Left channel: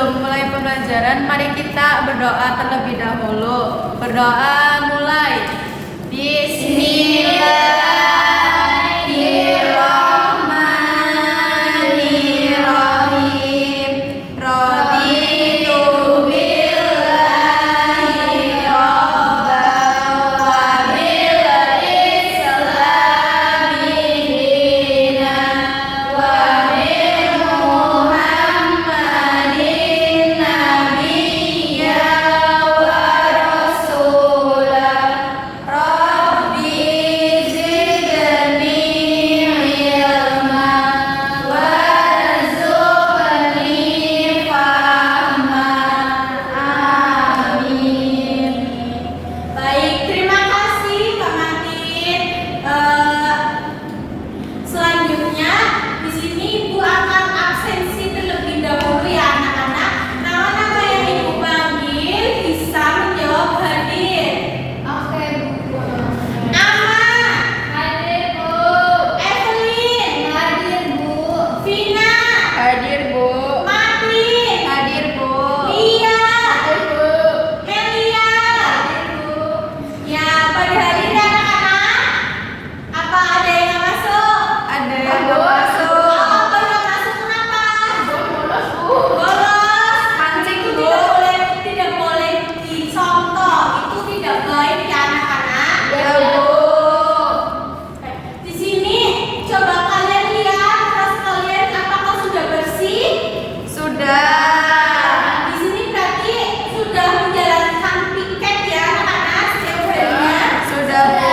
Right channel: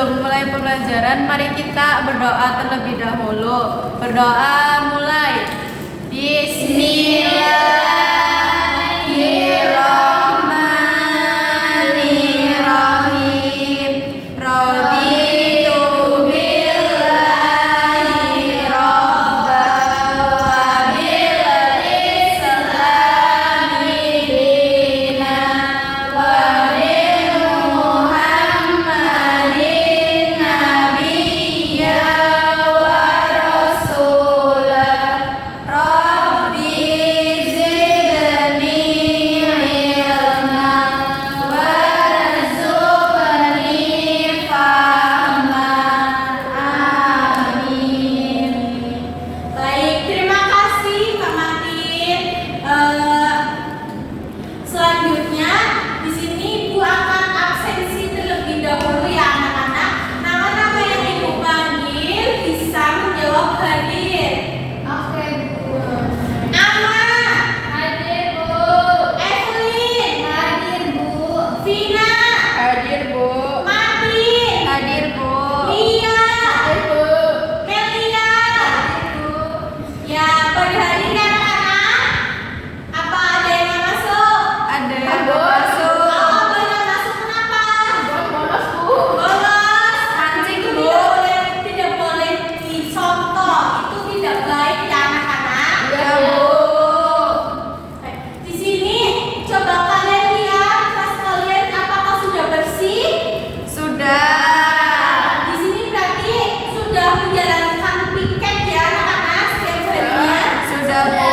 Sebelum mulai pembelajaran, mari kita berdoa terlebih dahulu. Berdoa mulai. Bismillahirrahmanirrahim. Raditu billahi rabban wa bil islami dinan wa bi Muhammadin nabiyya wa rasulah. Rabbi zidni ilma warzuqni fahma. Amin. Baik, terima kasih Pak Martin. Selanjutnya di sini Ibu akan absensi terlebih dahulu ya anak-anak. Nama-nama yang Ibu panggil bisa menjawab hadir. Oke, Bu. Ama, Hadir, Bu. Evelyn, Hadir, Bu. Vina, Hadir, Bu. Martin, Hadir, Bu. Lia, Hadir, Bu. Melia. Ya, pada hari ini anak-anak, apa ada yang nggak masuk? Ada yang nggak masuk. Oh, baru nggak masuk kenapa? Bolos. Pancing, Itu Bu. tidak boleh dicontoh. Itu tidak baik ya anak-anak. Ya, Bu. Di sini coba kalian lihat tas kalian apakah sudah bersih? Sudah. Di sini berarti sudah menjalankan piket ya anak-anak setiap harinya. Sudah, Bu.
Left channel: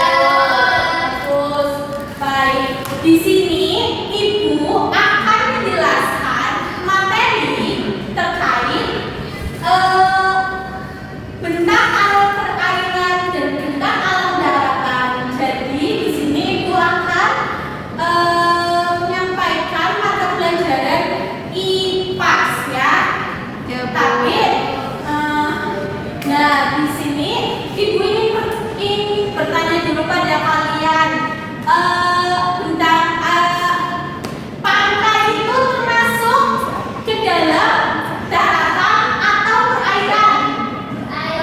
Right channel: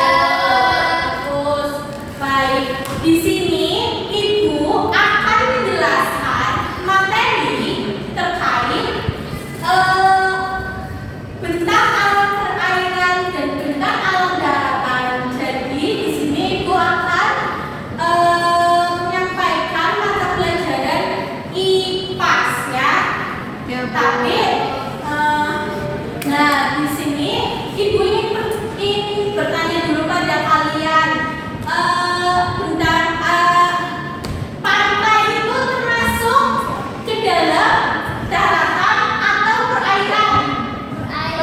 Bagus. Baik. Di sini Ibu akan menjelaskan materi terkait bentang alam perairan dan bentang alam daratan. Jadi di sini Ibu akan menyampaikan mata pelajaran IPAS ya. Ya, Bu. Tapi, nah di sini Ibu ingin bertanya dulu pada kalian, tentang pantai itu termasuk ke dalam daratan atau perairan?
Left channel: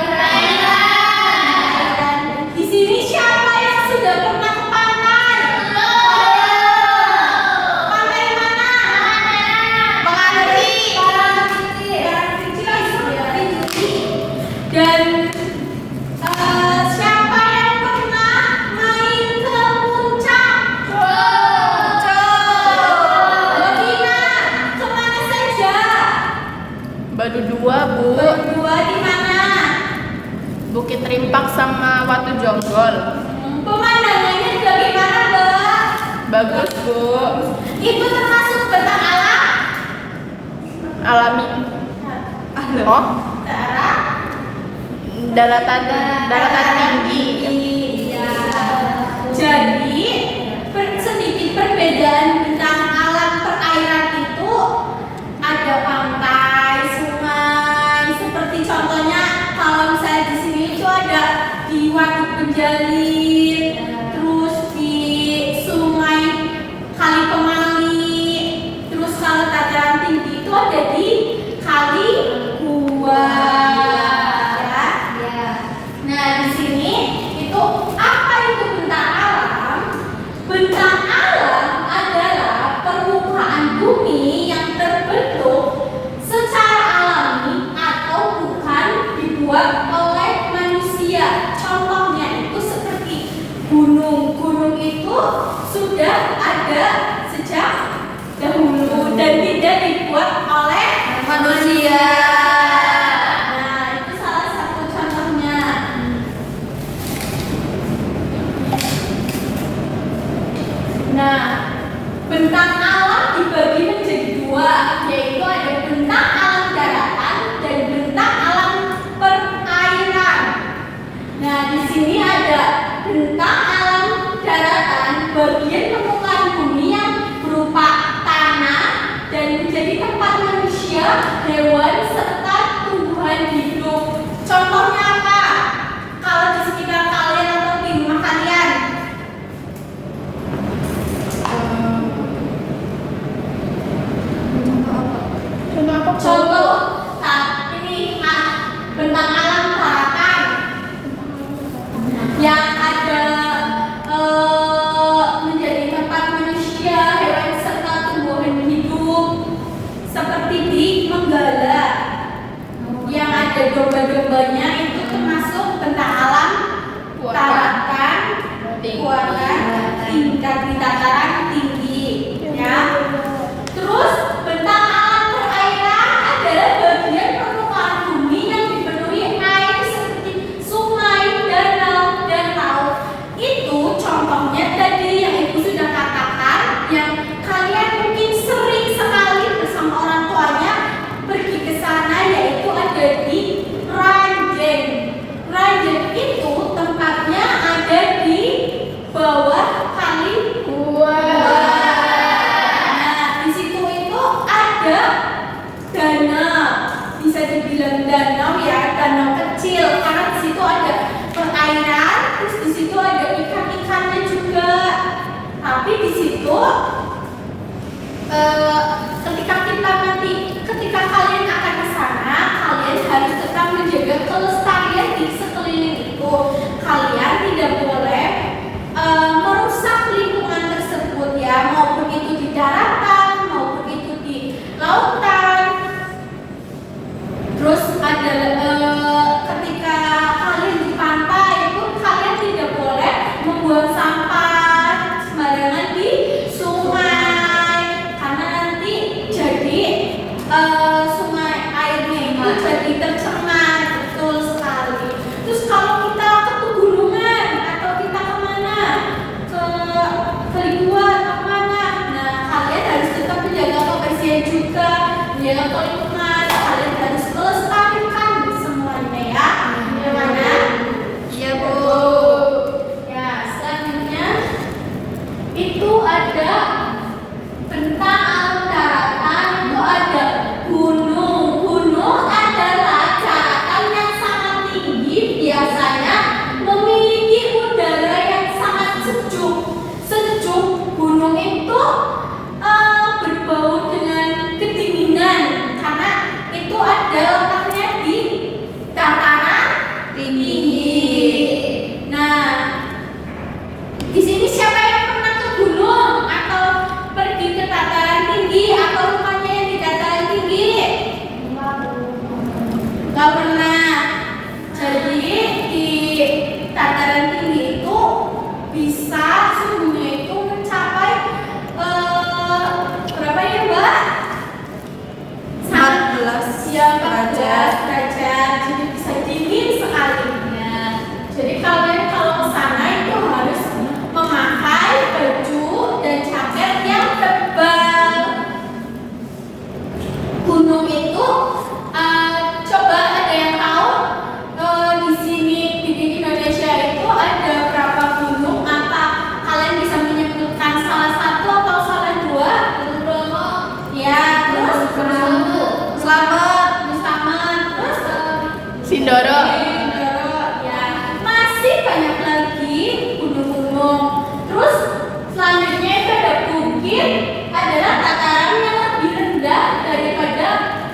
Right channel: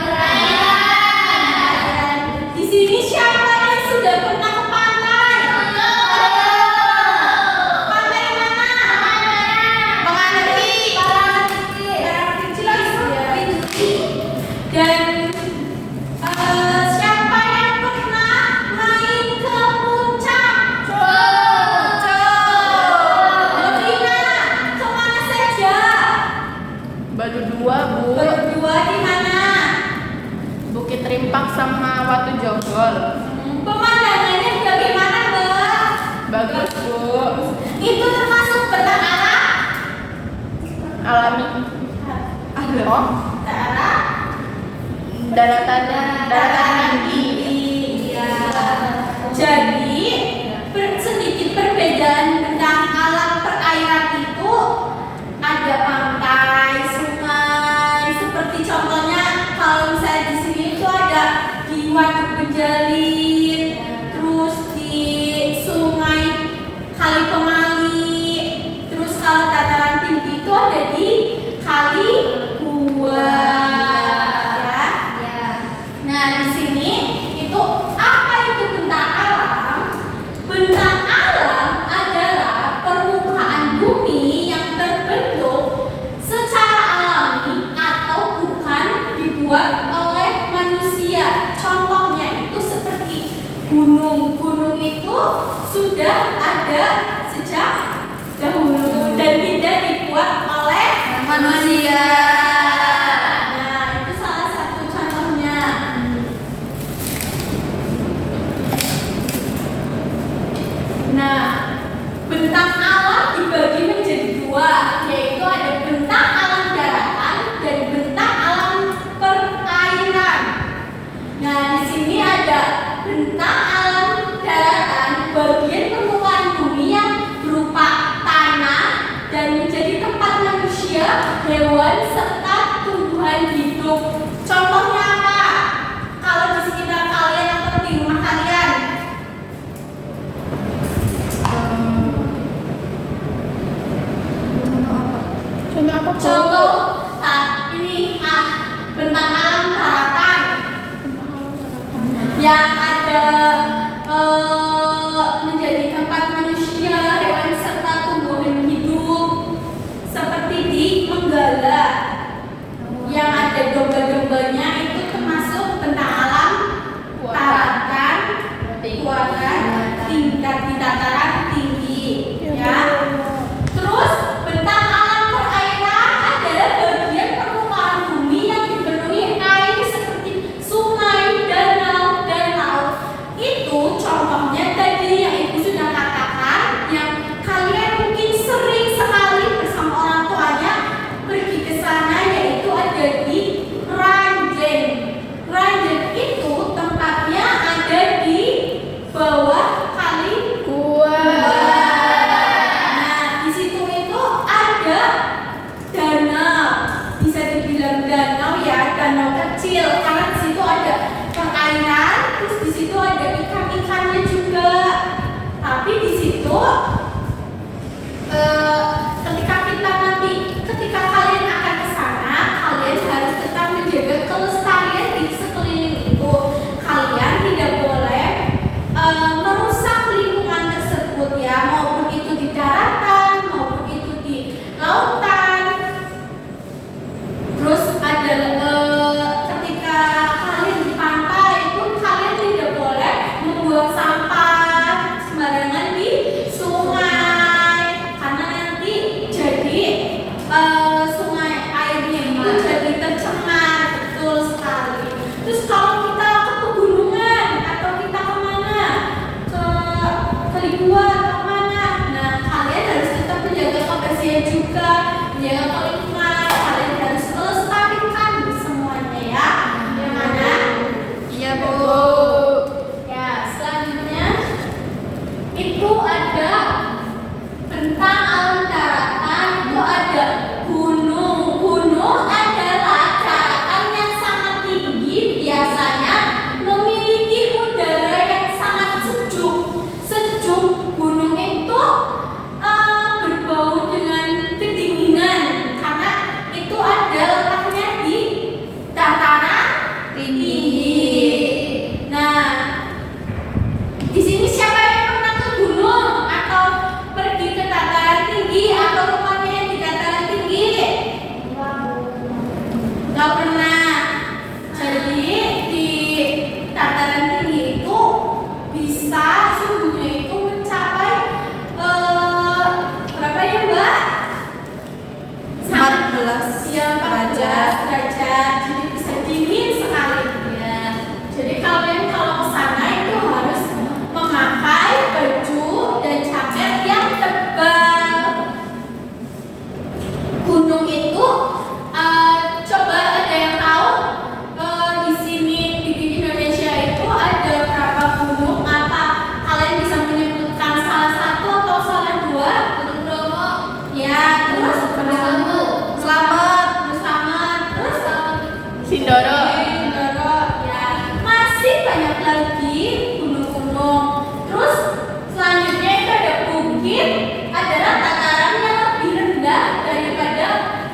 Perairan. Di sini siapa yang sudah pernah ke pantai? Pantai mana? Penganti. Dan siapa yang pernah main ke puncak? Novina, kemana saja? Baru dua, Bu. Berdua di mana? Bukit Rimpak sama Watu Jonggol. Pemandangannya bagaimana, Mbak? Bagus, Bu. Itu termasuk bentang alam? Alami. Oh, Daratan. daratan tinggi. Iya. Jadi sedikit perbedaan bentang alam perairan itu ada pantai, sungai, seperti contohnya kalau misalnya di sini itu ada di Waduk Penjalin, terus di Sungai Kali Pemali, terus kalau dataran tinggi itu ada di Kali Buah. Ya. Nah, di sini itu apa itu bentang alam? Bentang alam adalah permukaan bumi yang terbentuk secara alami atau bukan dibuat oleh manusia. Contohnya itu seperti gunung. Gunung itu sudah ada sejak dahulu dan tidak dibuat oleh Manusia. Nah, itu salah satu contohnya. Nah, bentang alam dibagi menjadi dua, yaitu ada bentang alam daratan dan bentang alam perairan. Nah, di sini ada bentang alam daratan, bagian permukaan bumi yang berupa tanah dan menjadi tempat manusia, hewan, serta tumbuhan hidup. Contohnya apa? Kalau di sekitar kalian atau di rumah kalian? kelestarian di sekeliling itu. Kalian tidak boleh merusak lingkungan tersebut ya, maupun itu di daratan, maupun itu di lautan. Terus ada ketika kalian di pantai itu kalian tidak boleh membuang sampah sembarangan di sungai, karena nanti jadi sungai airnya itu jadi tercemar. Betul sekali. Terus kalau kita ke pegunungan atau kita kemana, ke Libuan atau kemana, nah kalian harus tetap menjaga kebersihan juga, menjaga lingkungan. Kalian harus melestarikan semuanya ya. Gimana? Iya, Bu. Ya, selanjutnya itu ada tentang alam daratan, itu ada gunung. Gunung adalah daratan yang sangat tinggi, biasanya memiliki udara yang sangat sejuk. Sejuk, gunung itu berbau dengan kedinginan karena itu ada letaknya di dataran tinggi. Nah, di sini siapa yang pernah ke gunung atau pergi ke dataran tinggi atau rumahnya yang di dataran tinggi? Nggak pernah. Jadi di dataran tinggi itu bisa suhunya itu mencapai berapa ya, Mbak? 14 Ya, 14 derajat. derajat. Jadi bisa dingin sekali. Ya. Jadi kalian kalau ke sana itu harus memakai baju dan jaket yang tebal. Gunung itu coba ada yang tahu di sini di Indonesia itu ada berapa gunung? Apa kalian bisa menyebutkan salah satu atau salah dua? Bromo. Ya, terus Selamat. Selamat. Terus Sindoro. Sindoro. Ya, masih banyak lagi gunung-gunung. Terus selanjutnya itu ada bukit, adalah dataran yang lebih rendah daripada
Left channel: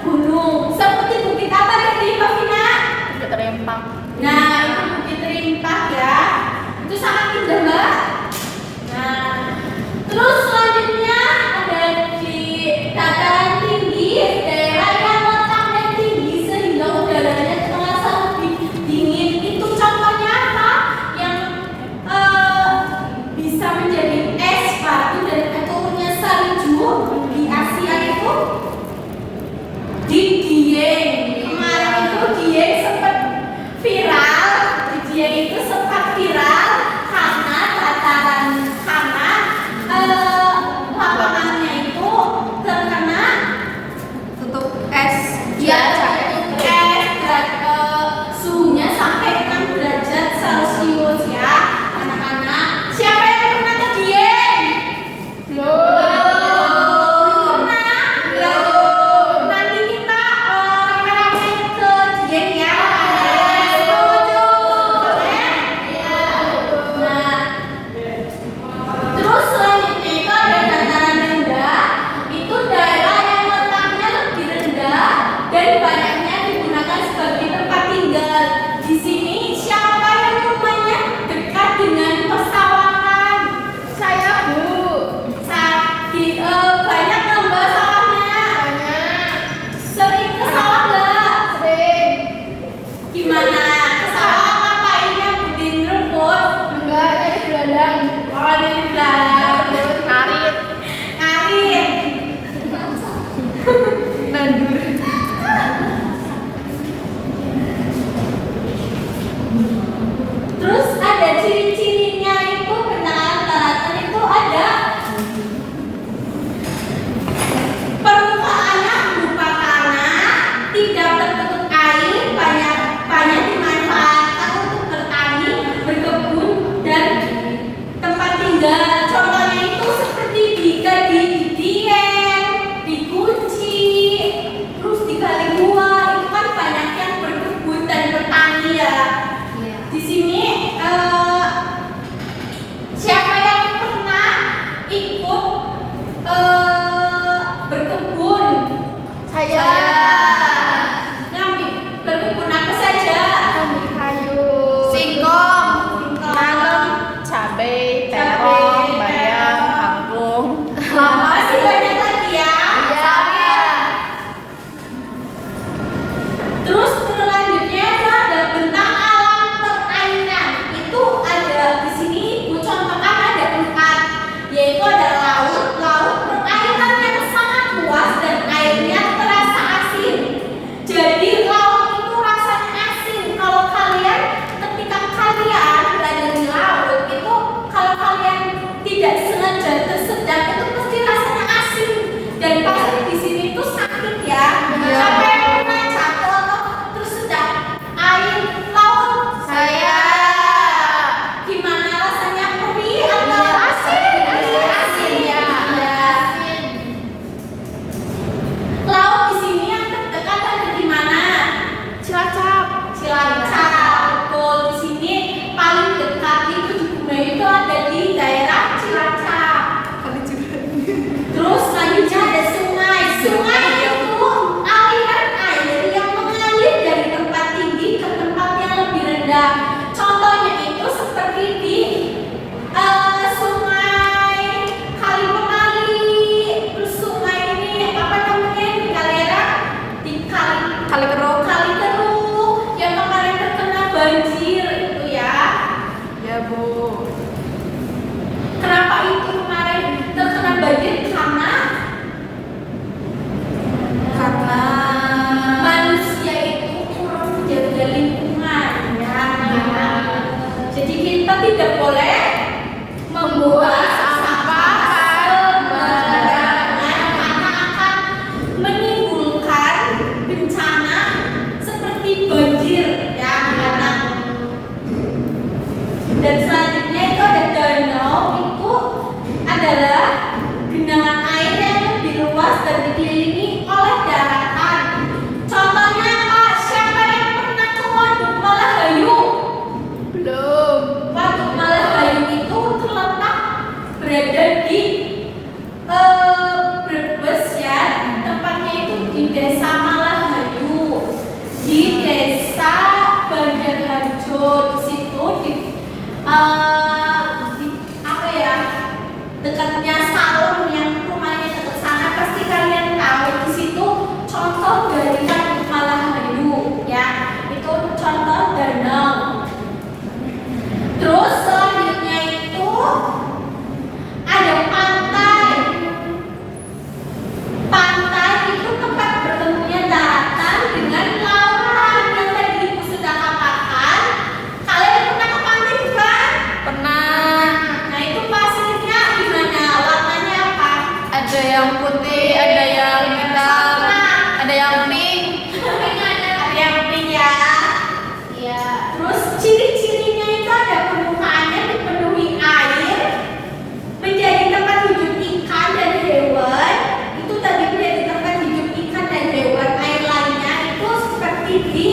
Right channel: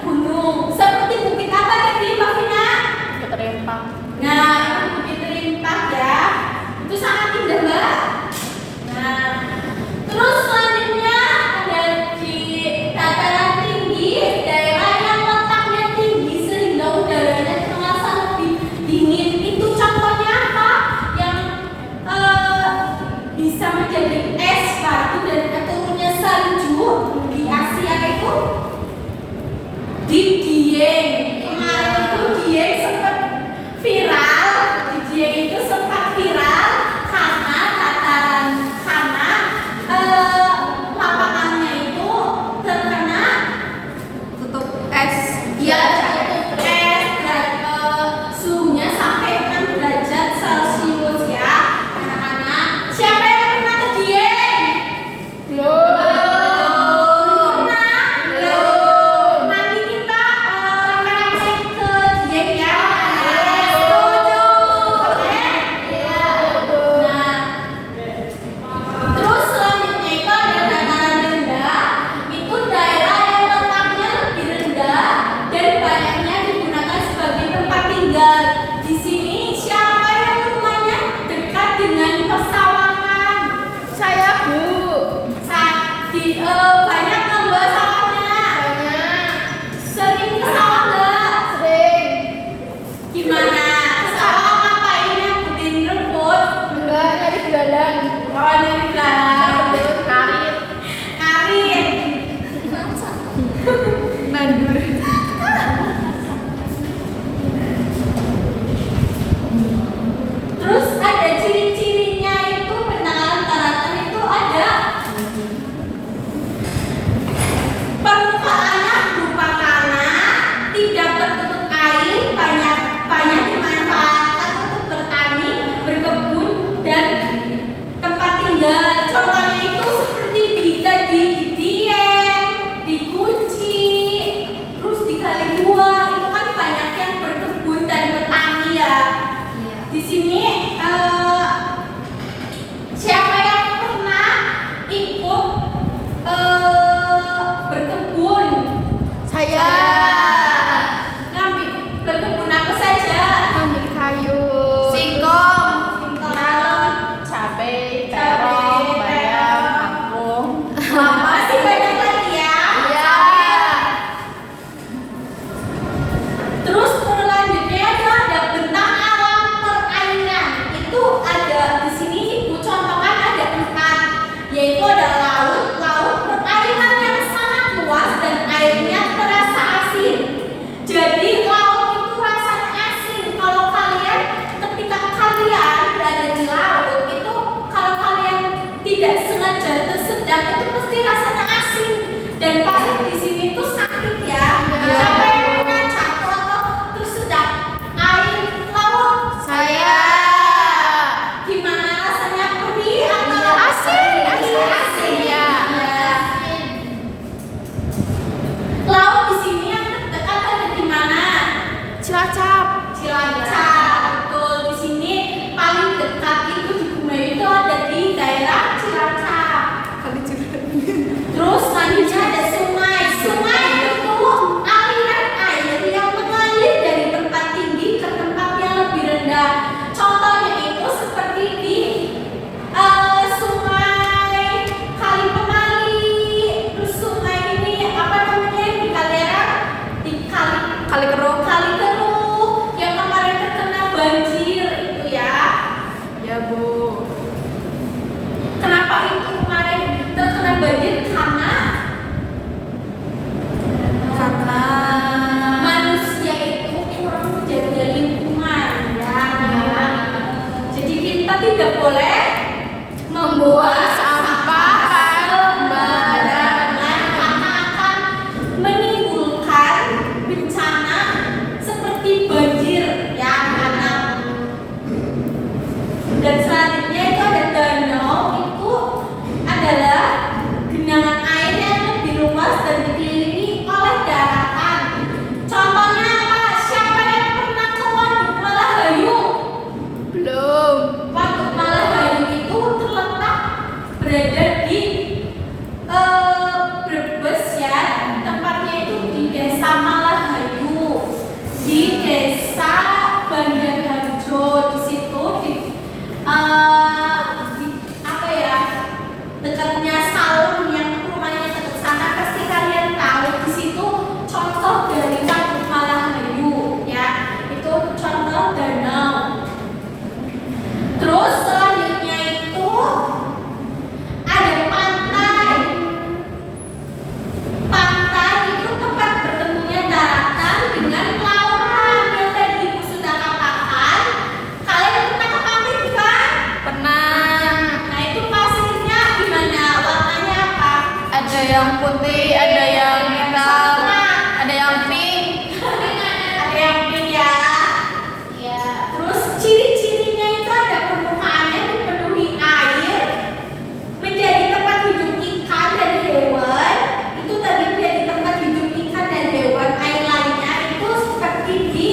gunung. Seperti bukit apa tadi, Mbak Vina? Bukit Rempang. Nah, itu bukit Rimpak ya. Itu sangat indah, Mbak. Nah, terus selanjutnya ada di dataran tinggi, daerah yang letaknya tinggi sehingga udaranya terasa lebih dingin. Itu contohnya apa? Yang bisa menjadi es batu dan turunnya salju di Asia itu di Dieng. Kemarin itu Dieng sempat viral. Di Dieng itu sempat viral karena dataran, karena lapangannya itu terkena Tutup es. ya es dan suhunya sampai 6 derajat Celcius ya, anak-anak. Siapa yang pernah ke Dieng? Belum. Nanti kita rame-rame ke Dieng ya. Setuju. Boleh? Nah, terus selanjutnya itu ada dataran rendah. Itu daerah yang letaknya lebih rendah dan banyaknya digunakan sebagai tempat tinggal. Di sini siapa yang rumahnya dekat dengan persawahan? Saya, Bu. Banyak lembah sawahnya. Banyak. Sering ke sawah nggak? Sering. Gimana? Ke sawah ngapain ya? Budin rumput? Enggak, dari gelandang. Oh, dari gelandang. Karit. Karit. Nandur. Terus ada ciri-cirinya itu penanganan daratan itu ada permukaannya berupa tanah, tidak tertutup air, banyak dimanfaatkan untuk bertani, berkebun dan tempat tinggal. Contohnya itu seperti di Dieng, di Kunci, terus di Kalibua itu kan banyak yang berkebun dan bertani ya. Di sini siapa yang pernah ikut berkebun? Saya. Ngambil berkebun apa saja? Terus selanjutnya ada sungai. Sungai itu aliran air yang mengalir dari tempat tinggi ke tempat yang lebih rendah. Contohnya itu seperti di sungai Kali Pemali, terus sungai ini apa namanya di Kaliera, di Kali Keruk. Kali Keruk yang kemarin terkena banjir itu ya. Ya Bu. Kenapa itu kemarin terkena banjir? Karena manusia itu kurang menjaga lingkungan ya. Jadi kita tidak boleh membuang sampah sembarangan karena akan menimbulkan bencana seperti banjir ya anak. Dan selanjutnya itu ada danau, itu adalah genangan air yang lebih luas dan dikelilingi oleh daratan. Contohnya apa? Siapa yang pernah ke Waduk Malahayu? Belum. Waduk Malahayu itu terletak berada di Brebes ya. Tempatnya itu di Desa Malahayu, di Desa Bandarharjo. Di situ di apa ya, dekatnya Salem yang rumahnya dekat sana, pasti kalian tahu. Di situ contoh dari Waduk Malahayu ya, itu contoh danau. Terus selanjutnya itu ada pantai. Pantai itu tempat bertemunya daratan dengan lautan yang tadi Ibu sudah katakan. Kalian pernah ke pantai bukan? Pernah. Nah itu pasirnya gimana? Warnanya apa? Ada yang putih, ada yang hitam, ada yang pink. Ada yang pink ya. Iya. Terus ciri-cirinya itu ada permukaannya dipenuhi air, menjadi tempat hidup ikan dan hewan. Itu tadi menjadi tempat hidup ikan dan hewan. Air lainnya itu seperti di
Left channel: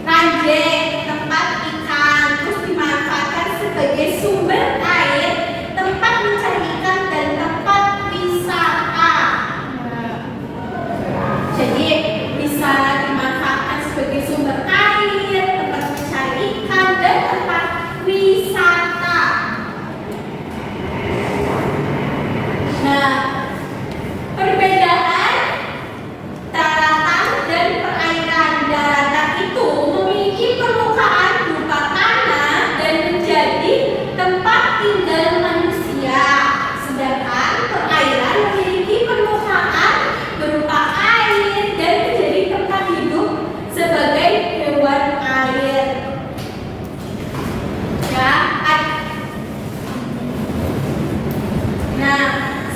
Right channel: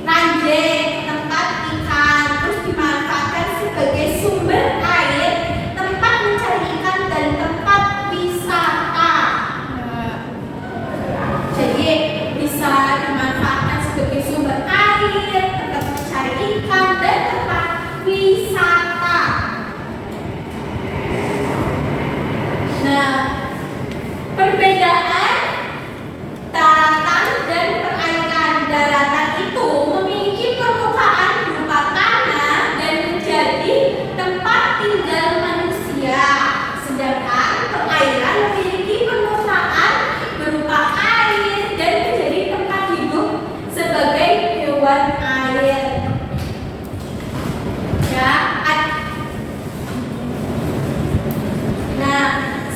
Ranjeng, tempat ikan. Terus dimanfaatkan sebagai sumber air, tempat mencari ikan dan tempat wisata. Jadi bisa dimanfaatkan sebagai sumber air, tempat mencari ikan dan tempat wisata. Nah, perbedaan daratan dan perairan. Daratan itu memiliki permukaan berupa tanah dan menjadi tempat tinggal manusia. Sedangkan perairan memiliki permukaan berupa air dan menjadi tempat hidup sebagai hewan air. Ya, nah,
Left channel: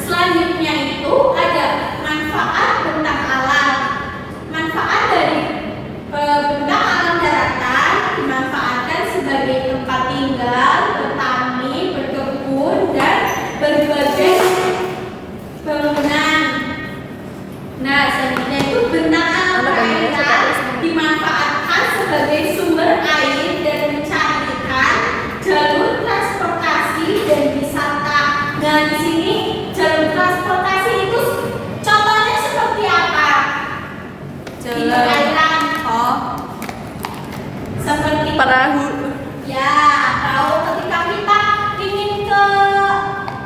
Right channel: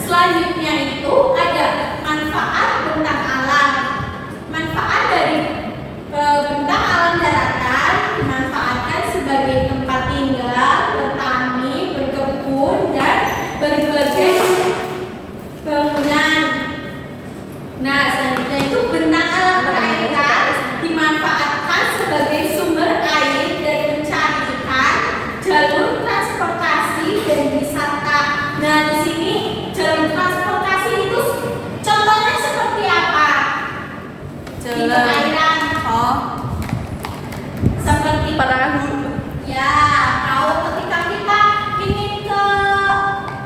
selanjutnya itu ada manfaat bentang alam. Manfaat dari bentang alam daratan dimanfaatkan sebagai tempat tinggal, bertani, berkebun, dan berbagai bangunan. Nah, selanjutnya itu bentang alam perairan dimanfaatkan sebagai sumber air dan mencari ikan, jalur transportasi dan wisata. Nah, di sini jalur transportasi itu contohnya seperti apa? Di Jalan. perairan Oh, seperti perahu. ya, tahu ketika kita ingin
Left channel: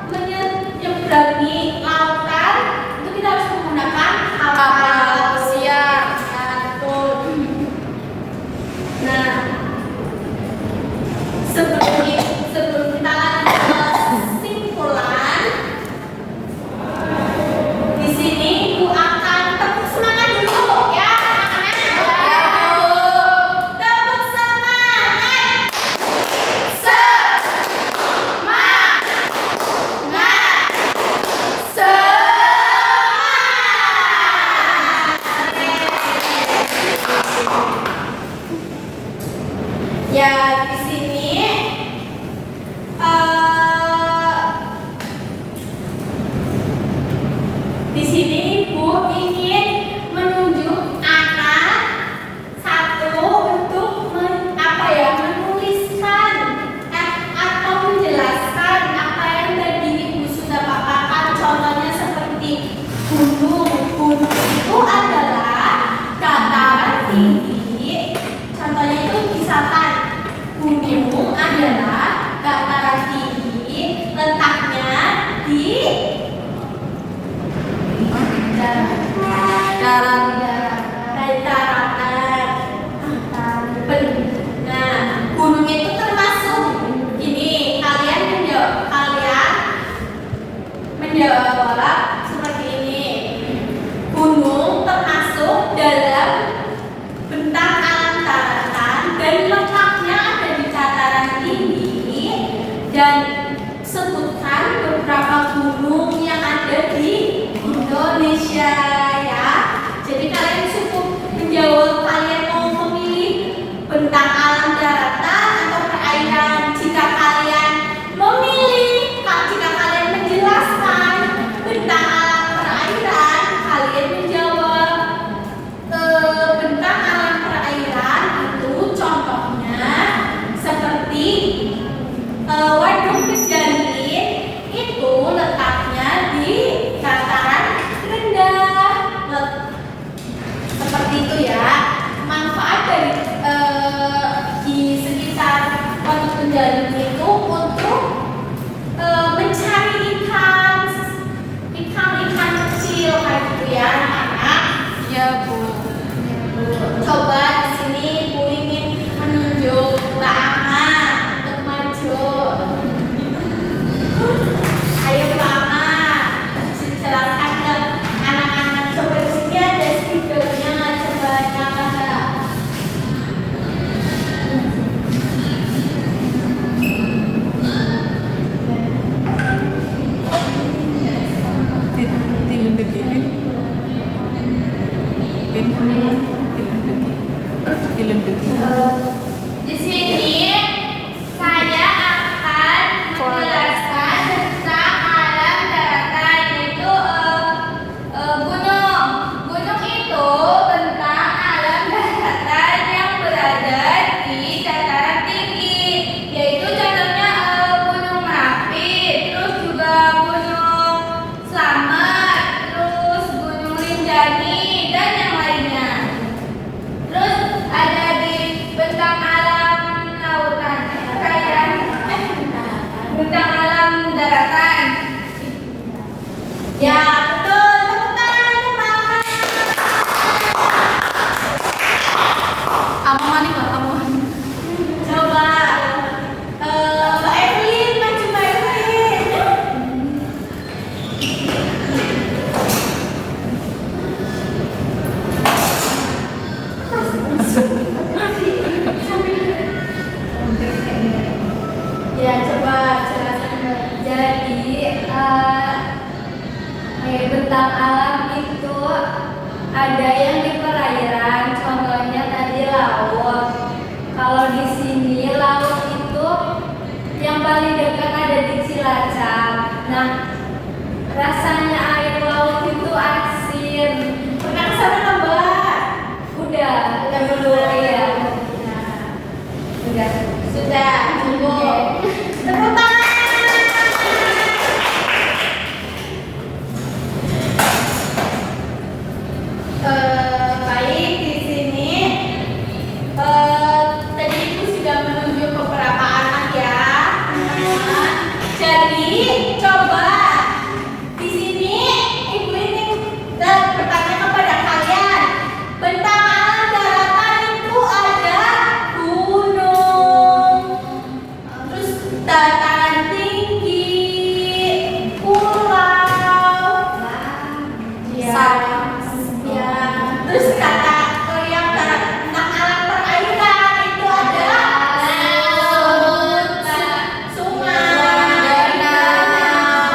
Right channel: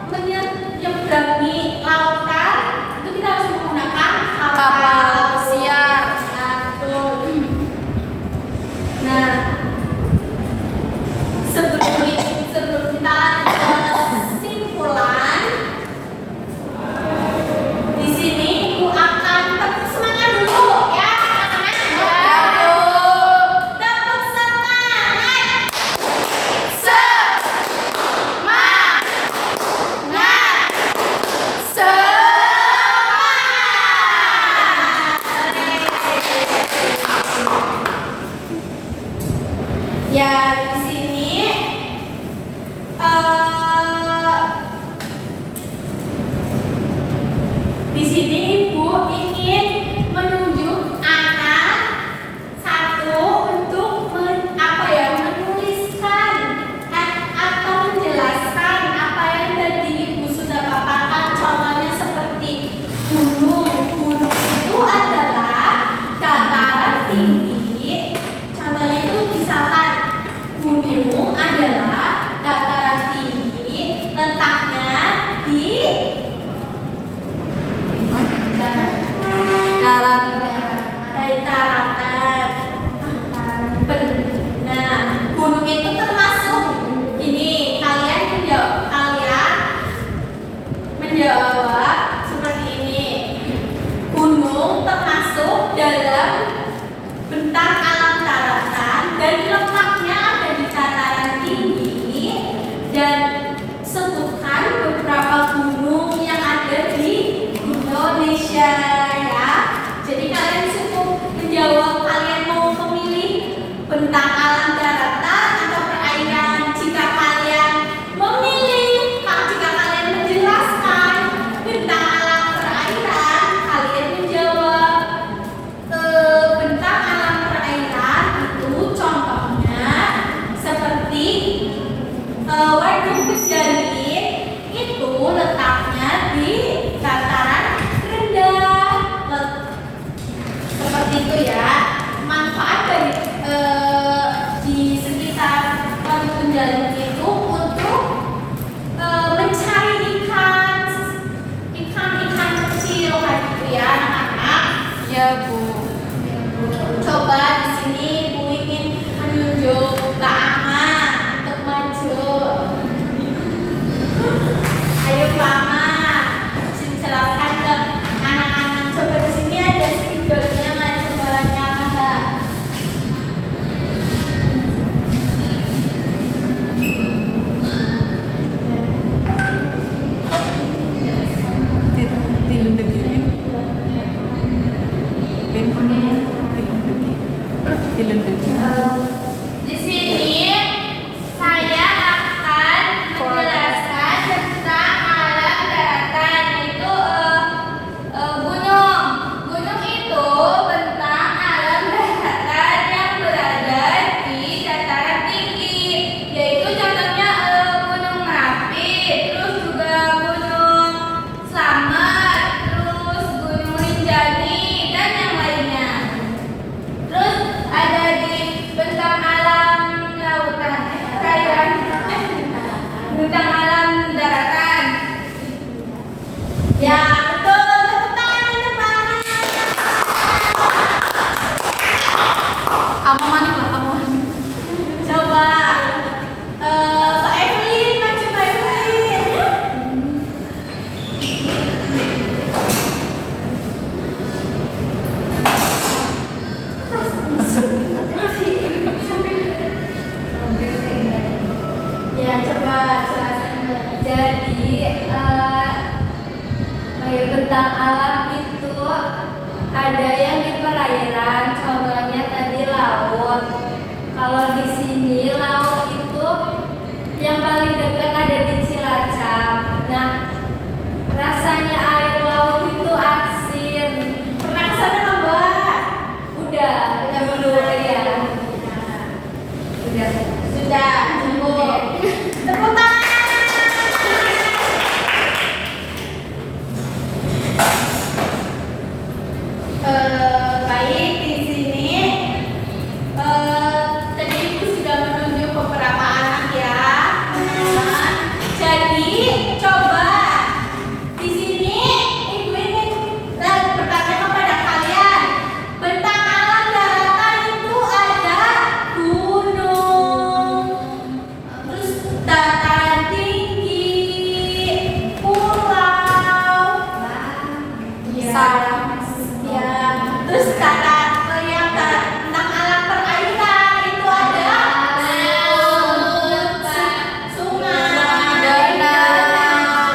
menyeberangi lautan, itu kita harus menggunakan Kapal pesiar. Ya, betul. Nah, sebelum kita lanjut ke kesimpulan, di sini Ibu akan tepuk semangat dulu ya, anak-anak. Ya, Bu. Tepuk semangat. di darat daratan. Nah, gunung itu termasuk ini. Kalian menjawab seperti ini. Gunung termasuk dalam bentang alam daratan dan letaknya ada di dataran tinggi, dan sebutkan beberapa gunung yang ada di Indonesia ya. Jadi kalian cukup menjawab kalian mau memilih bentang alam daratan atau perairan. Jika kalian menjelaskan bentang alam perairan, kalian menjawab bentang alam perairan itu contohnya seperti Waduk Pejanin, itu letaknya di dataran rendah. Seperti itu ya. Manfaat dari di sekitar Waduk Pejanin itu untuk mencari ikan kecil kayak gitu ya anak-anak. ya Bu. Coba di sini Bu ingin menunjuk Mbak Ama untuk maju. Ayo Mbak Ama, jelaskan ke anak-anak. Coba di sini ada videonya, coba nyalakan Mbak. Tilun degi Pin. Tilun degi. Di sini saya akan menjelaskan tentang alam daratan, yaitu gunung. Gunung itu bentang alam daratan yang berada di dataran tinggi, yaitu contohnya Gunung Merapi, terus juga Gunung Slamet, terus Gunung Rinjani dan yang lainnya. Terus ada di bentang alam lautan, perairan, bentang alam daratan. Ya betul, tepuk tangan untuk Mama. Amo maning lah, amo maning. Coba Mbak Evelyn, maju Mbak Evelyn. Ya coba jelaskan. Jadi bentang alam itu ada yang di perairan, contohnya tadi laut. Kalau di sini laut itu yang paling dekat ada di Cilacap. Nah, rasanya air laut itu asin. Pernah ke sana nggak, Mbak? Udah dulu ya. Sudah cukup. Tepuk tangan. Baik, di sini tadi Ibu sudah menunjuk beberapa anak ya, teman-teman. Jadi coba di sini Ibu ingin bertanya kepada kalian, bentang alam daratan itu ada gunung, terus dataran tinggi, pulau, Sawah. ya, terus kata yang tentang alam perairan itu ada laut, sungai, Danau.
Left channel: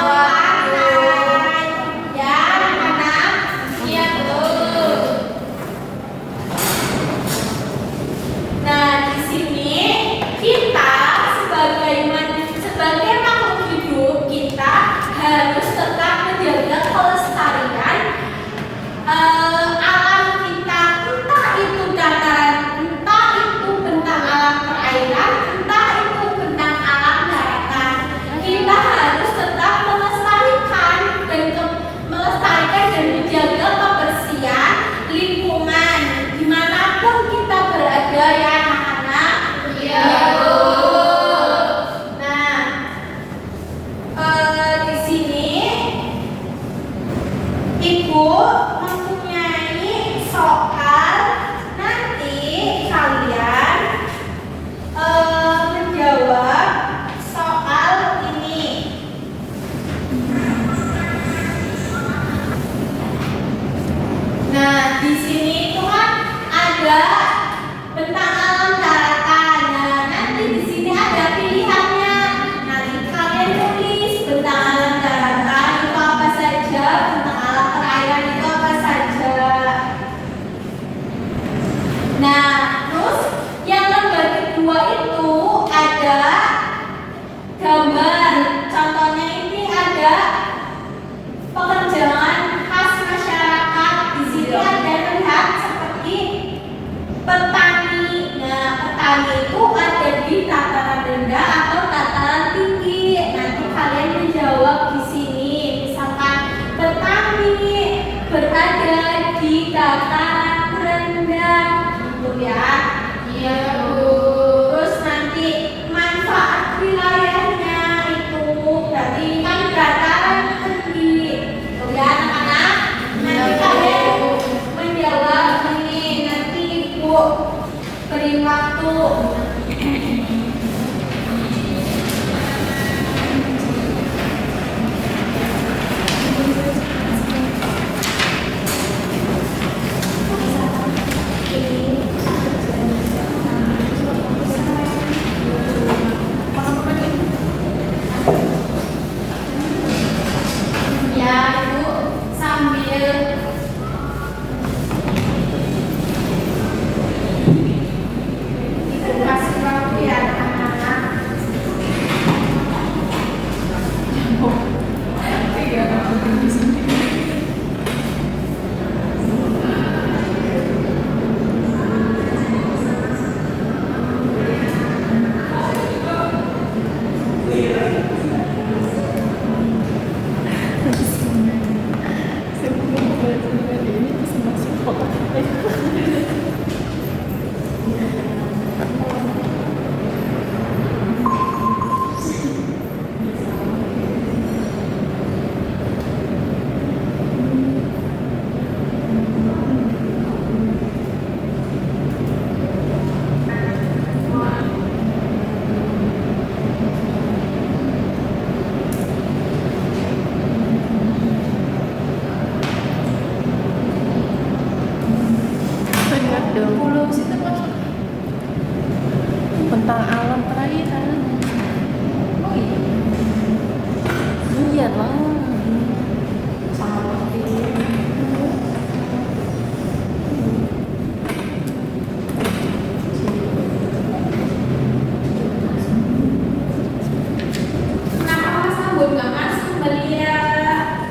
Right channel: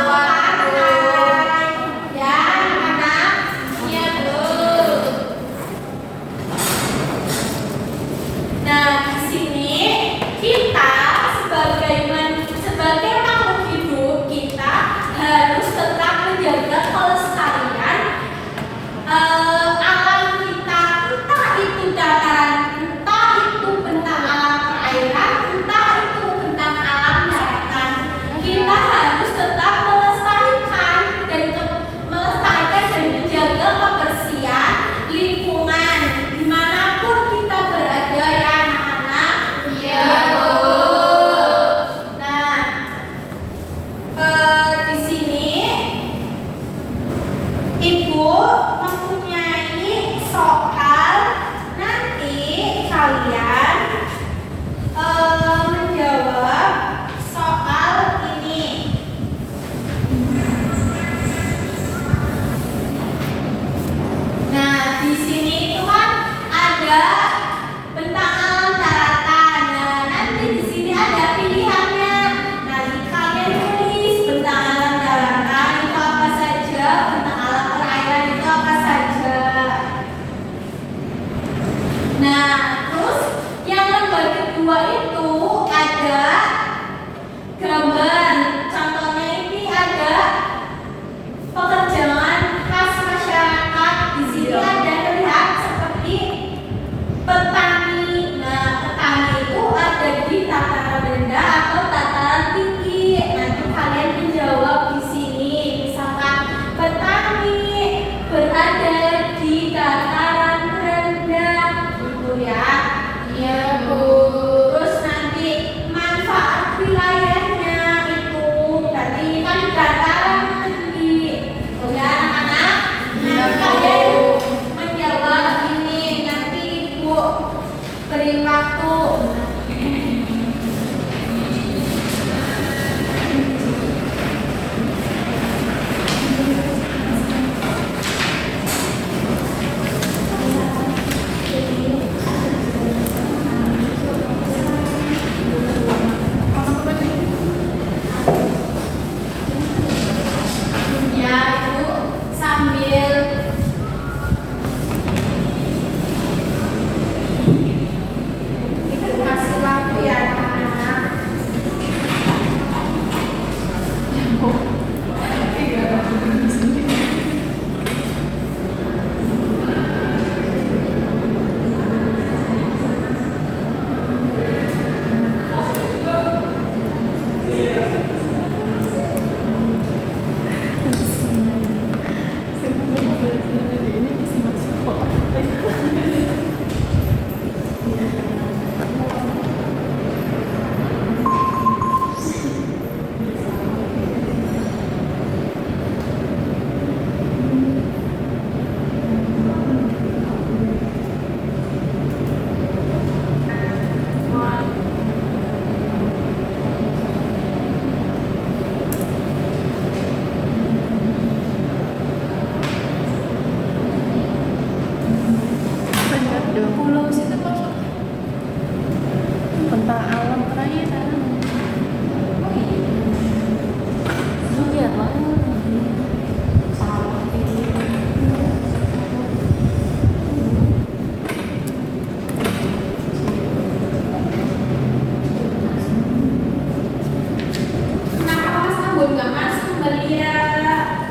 sabun nggak masuk belia.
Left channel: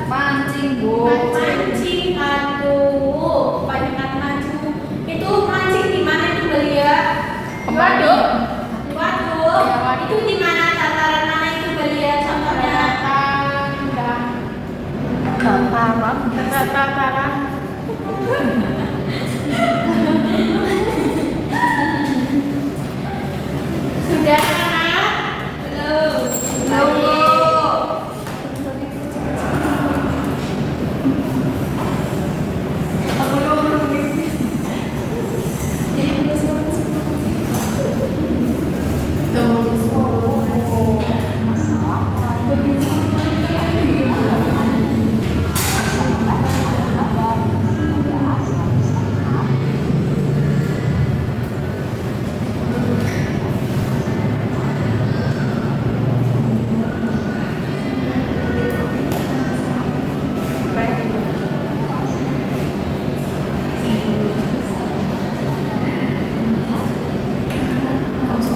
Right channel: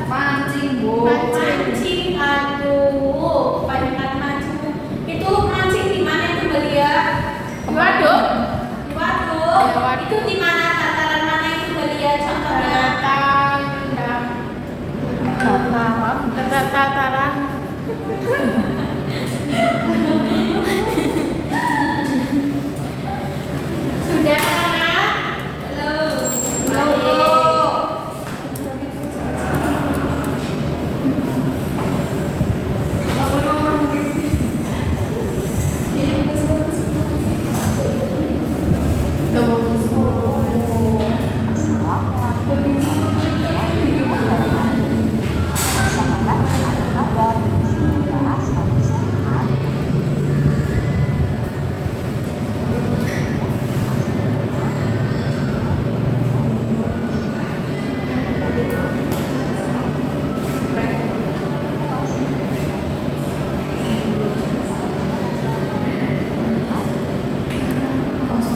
Pancing, Bu. Mancing, aduh, banyak mancing. Itu mancing di mana itu belia? Di waduk. Di waduk. Itu di mana, dataran mana itu belia? Contohnya. Dekat dataran. Sudah anak?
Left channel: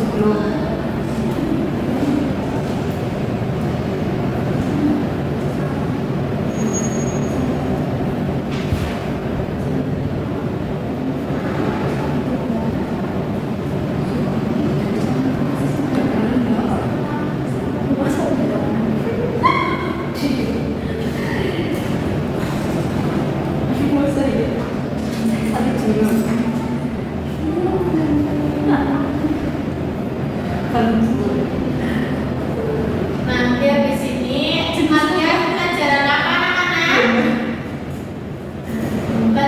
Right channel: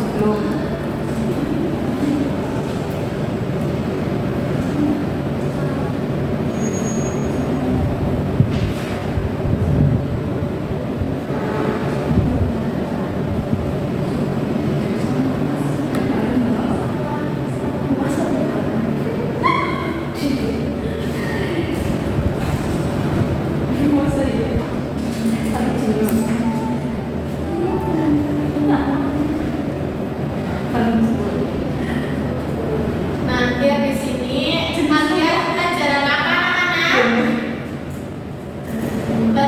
Belum. Nanti habis ini nanti pelajaran apa anak-anak?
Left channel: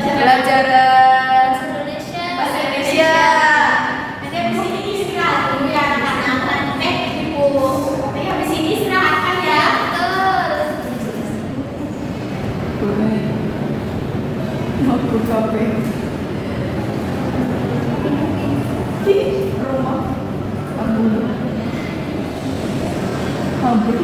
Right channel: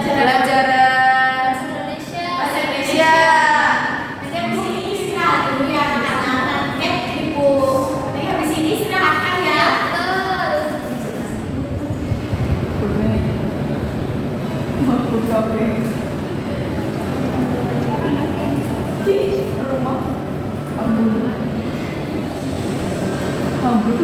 Pelajaran Indonesia. bahasa Indonesia. Nanti habis ini istirahat dulu ya anak-anak. Ibu. Tapi habis ini istirahatkan ya. Makhluk kafe. Rumah. Ambul. Ambul.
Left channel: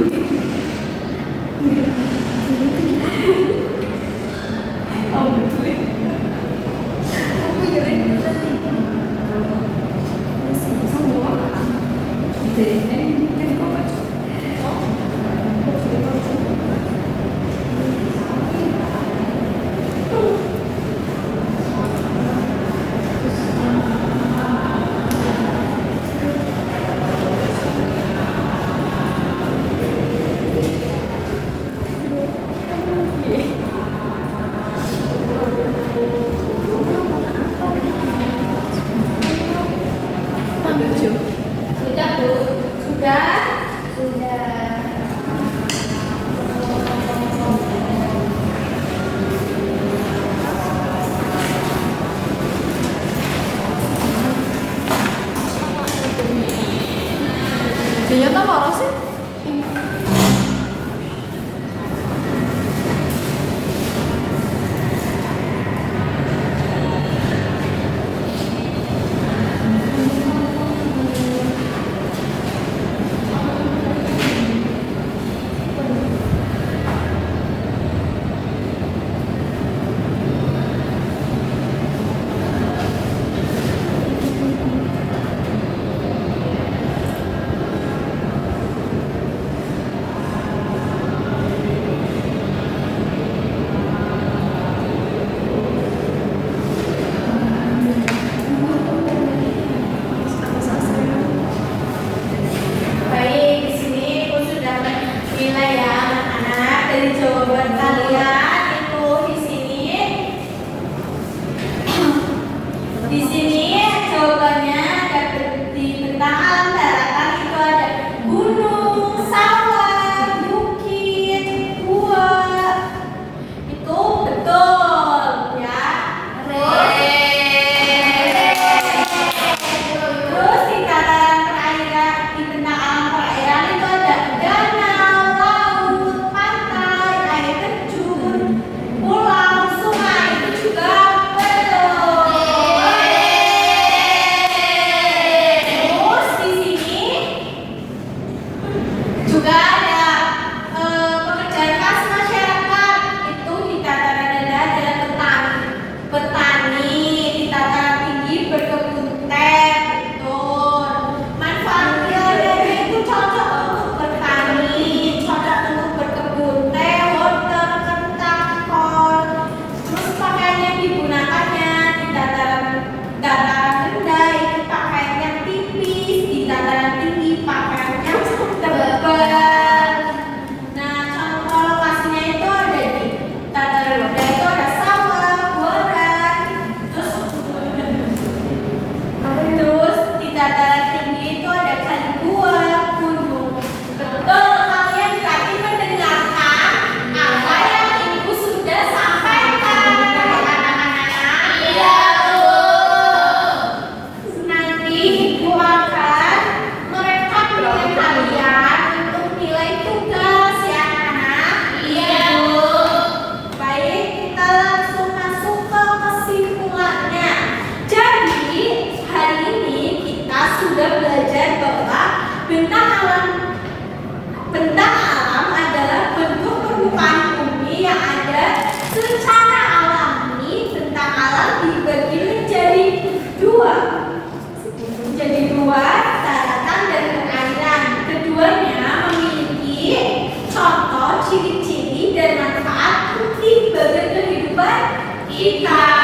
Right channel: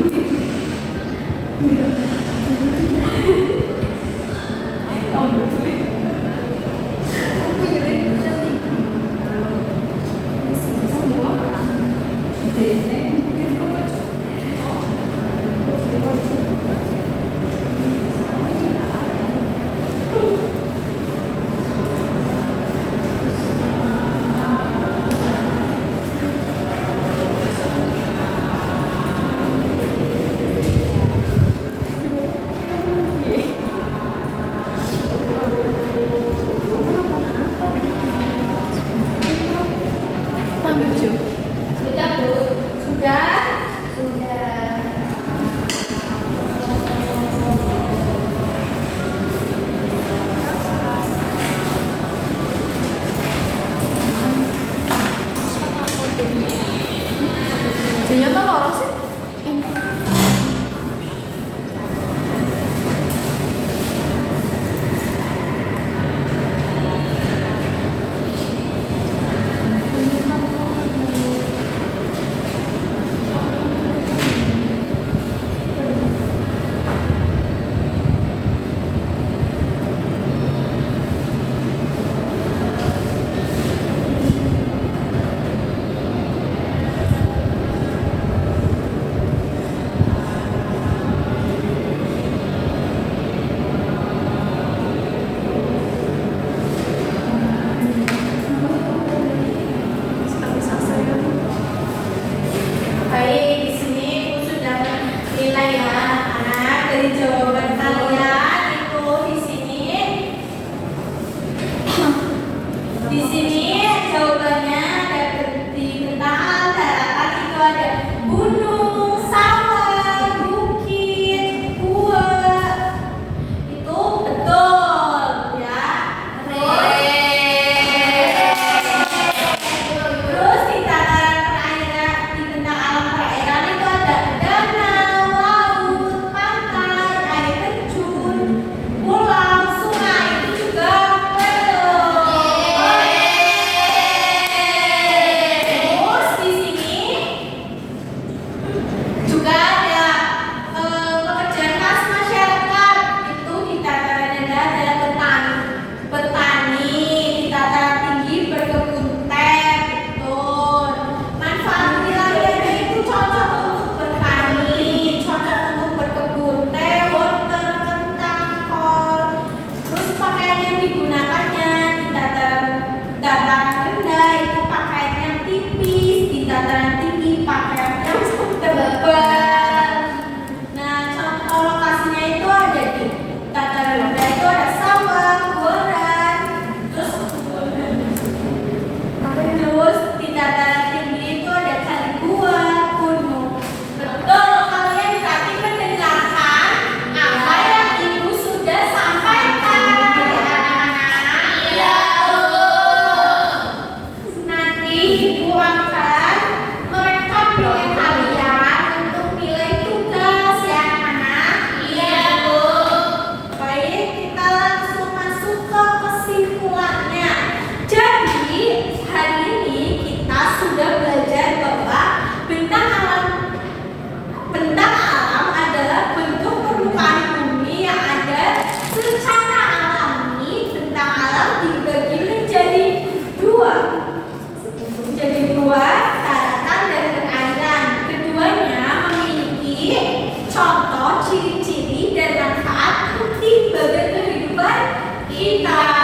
ciri-ciri dan manfaat penting bagi kehidupan kita.